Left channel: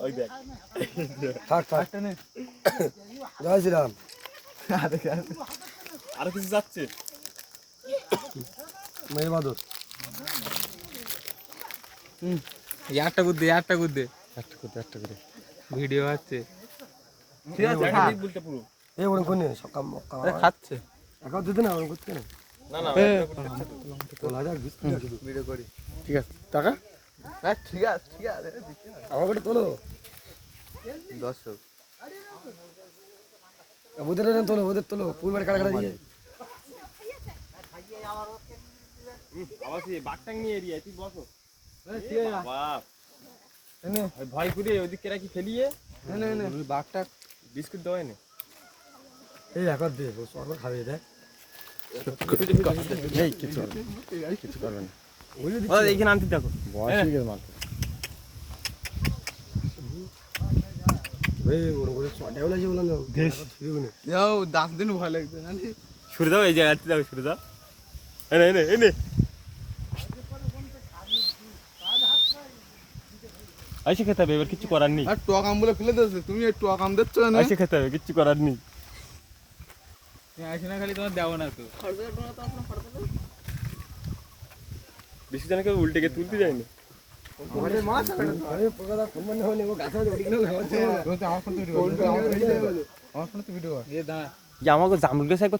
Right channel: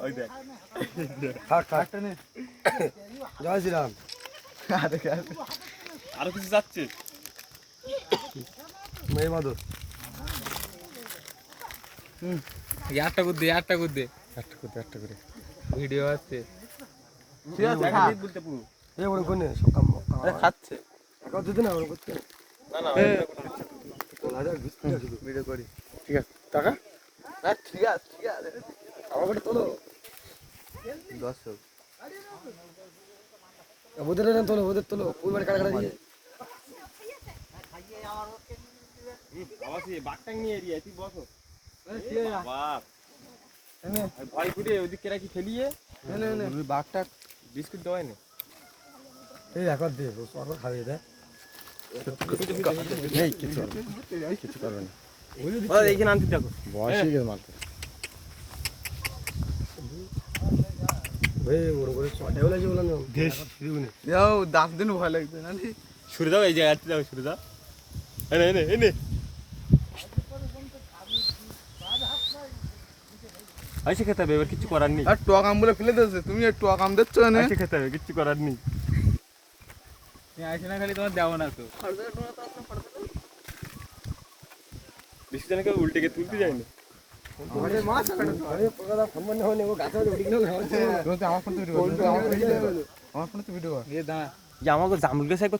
ওই দেখ জয় শ্রীরাম। আরো কিছু যাচ্ছে মেয়ে বাদর একটা করে দে একটা করে ভিডিও আছে ঠিক আছে বলতে পুরো এই ওরকম কোনে সকাম খাচ্ছে একা দিতে না ওরকম করতে না না না তোলা যাক ভিডিও করি ঠিক আছে টাকা ঠিক আছে আমাকে তোলো দর্শক ওদের তোলো ওদের তোলো কুইবার কাটা কাটা দিয়ে আবার সেই বাগটাং নিয়ে এরিয়া তুই বসো বাপ এনে ভয় করে ওদিকে রাখি ফেলিয়ে বাঘটা বিস্কুট দেওয়াই না এই একবার দে ও সরকার খাবে দেয় এই কিছু করবে না ওই যদি এইখানে আনতে দেখো বয়স হয়ে গেছে মাত্র ওই ওর করে চটাই বলে বললাম দেশ ফিরবে না যাও দাঁত দিন ভয় লাগবে না শুরু দাও এই জায়গাতে দাও শুরু দাও এনে এনে এনে আইসে খেতে হবে এবার কিছু করার নেই আর টক আম বলে ফেলে দিয়েছে তুমি আর টক আম দিচ্ছ না আইসে খেতে হবে কিছু করার নেই আসে না খালি তোমার দেবো না তো বেশি জনকে উল্টে গিয়ে তুলতে যায়নি ওরে মাছ ওরে পকাদা ফোন বন্ধ হয়নি ও গাছে উঠে গেল তুমি আমার ফোন তো ভিডিও আমার ফোন তো ভিডিও আমার ফোনে তো ভিডিও এ দা যে আমাকে জামুল গাছে একবার